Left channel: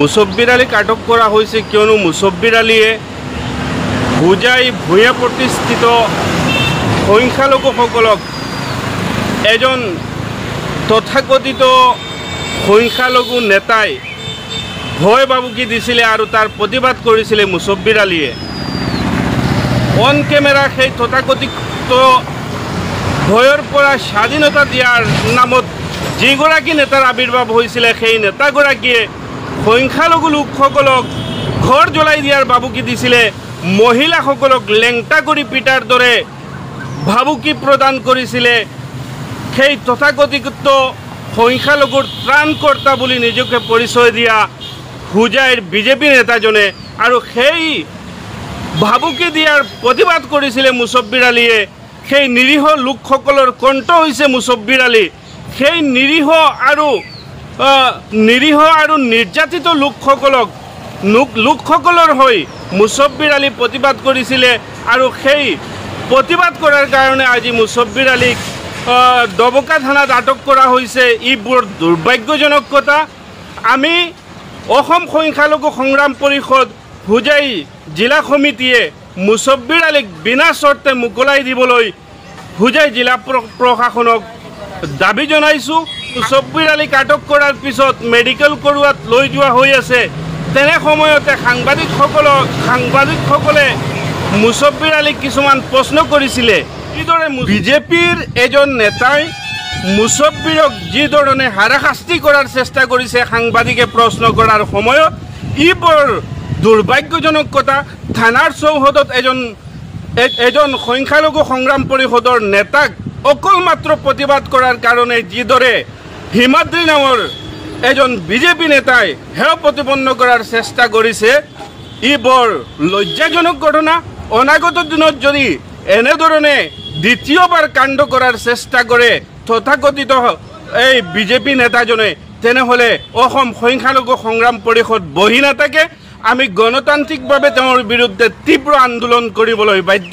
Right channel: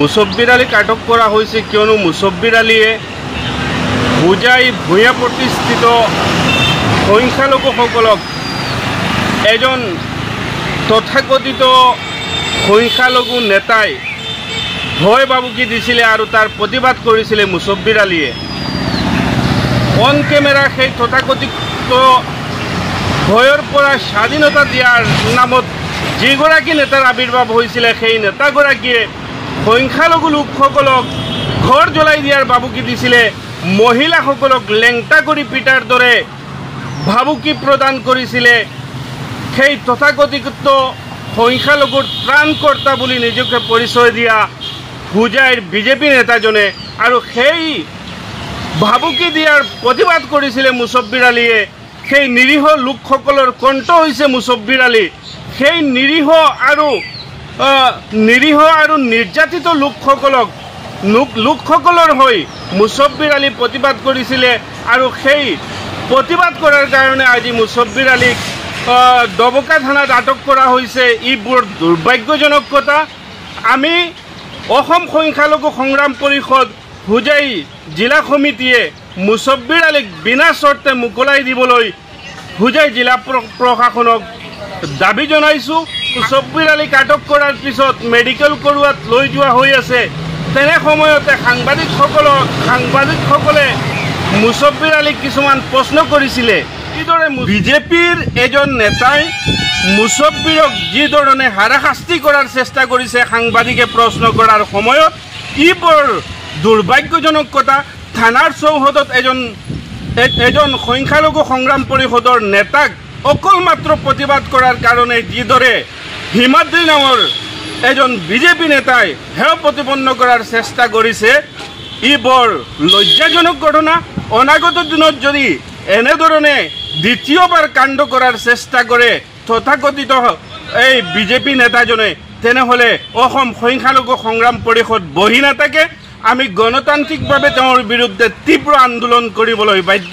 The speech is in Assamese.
মুছব্বিৰ আলীক আটক কৰা হৈছে কিয়নো মুছব্বিৰ আলীয়ে হোজাই ভূঞা প্ৰতিষ্ঠিত সংখ্যালঘুসকলক এজন তথাকথিত সংখ্যালঘু নেতাই ভয় ভাবুকি দিছিলে আৰু তাৰ প্ৰতিবাদ কৰিছিলে মুছব্বিৰ আলীয়ে। অন কেমেৰা সেই তথাকথিত ভয়ৰ পৰা স্বাধীনতা দিয়াৰ নামত যিগৰাকী নেতাৰ আবিৰ্ভাৱ হৈছিলে সেই নেতাগৰাকীয়ে সংখ্যালঘু লোকসকলক ঘৰ জ্বলাই দিয়াৰ ভাবুকি দিছিলে, মহিলাসকলক লেংটা কৰি পিটাৰ দৰে ভাবুকি প্ৰদান কৰিছিলে। সেই তথাকথিত সংখ্যালঘুৰ ত্ৰাণকৰ্তা বুলি নিজকে পৰিচয় দিয়া হোজাইৰ বিজেপি নেতাজনে আৰু সেই ভাবুকি দিয়াৰ প্ৰতিবাদ কৰিছিলে মুছব্বিৰ আলীয়ে। সেই নিৰীহ লোকসকলৰ কণ্ঠ হৈছে মুছব্বিৰ আলী। সেই নিৰীহ আৰু নিৰ্যাতিত লোকসকলৰ হৈ মুছব্বিৰ আলী প্ৰতিবাদ কৰিছিলে আৰু সেই প্ৰতিবাদ কৰাৰ কাৰণে আজি মুছব্বিৰ আলীক দবকা থানাত আটক কৰা হৈছে। ই বৰ দুৰ্ভাগ্যজনক কথা। আমি অসম সংখ্যালঘু সংগ্ৰাম পৰিষদ হোজাই জিলা সমিতিয়ে মুছব্বিৰ আলীক বিনা চৰ্তে মোকলাই দিবলৈ হোজাই জিলা প্ৰশাসনক দাবী জনাইছোঁ। মুছব্বিৰ আলীক আটক কৰাৰ পিছত মেডিকেল কৰোৱাত লৈ যোৱা হৈ আছে। তেনে সময়তে সাংবাদিকসকলে মুছব্বিৰ আলীক কিছুমান প্ৰশ্ন কৰিছিলে। কিদৰে বিজেপিৰ এজন নেতাই মুছব্বিৰক যিধৰণে হাৰাশাস্তি কৰাৰ চেষ্টা কৰিছে সাংবাদিকে প্ৰশ্ন কৰাৰ সময়ত, ই বৰ দুৰ্ভাগ্যজনক কথা। থানাৰ চৌহদত এজন সংখ্যালঘু সংগ্ৰাম পৰিষদৰ নেতাক অকল মাত্ৰ প্ৰতিবাদ কৰাৰ কাৰণে যিদৰে হিমাদ্ৰী নামৰ এজন বিজেপি নেতাই হেয় প্ৰতিপন্ন কৰাৰ চেষ্টা কৰিছে, ই বৰ লজ্জাজনক ঘটনা। অনাগত দিনত যদি এনেধৰণে দ্বিতীয়বাৰ কাণ্ড কৰাৰ চেষ্টা কৰে তথাকথিত এই বিজেপি নেতাজনে, তেনেহ'লে অসম সংখ্যালঘু সংগ্ৰাম পৰিষদ বহি নাথাকে। আমি গণতান্ত্ৰিকভাৱে তেওঁৰ বিৰুদ্ধে তীব্ৰ আন্দোলন কৰিবলৈ বাধ্য।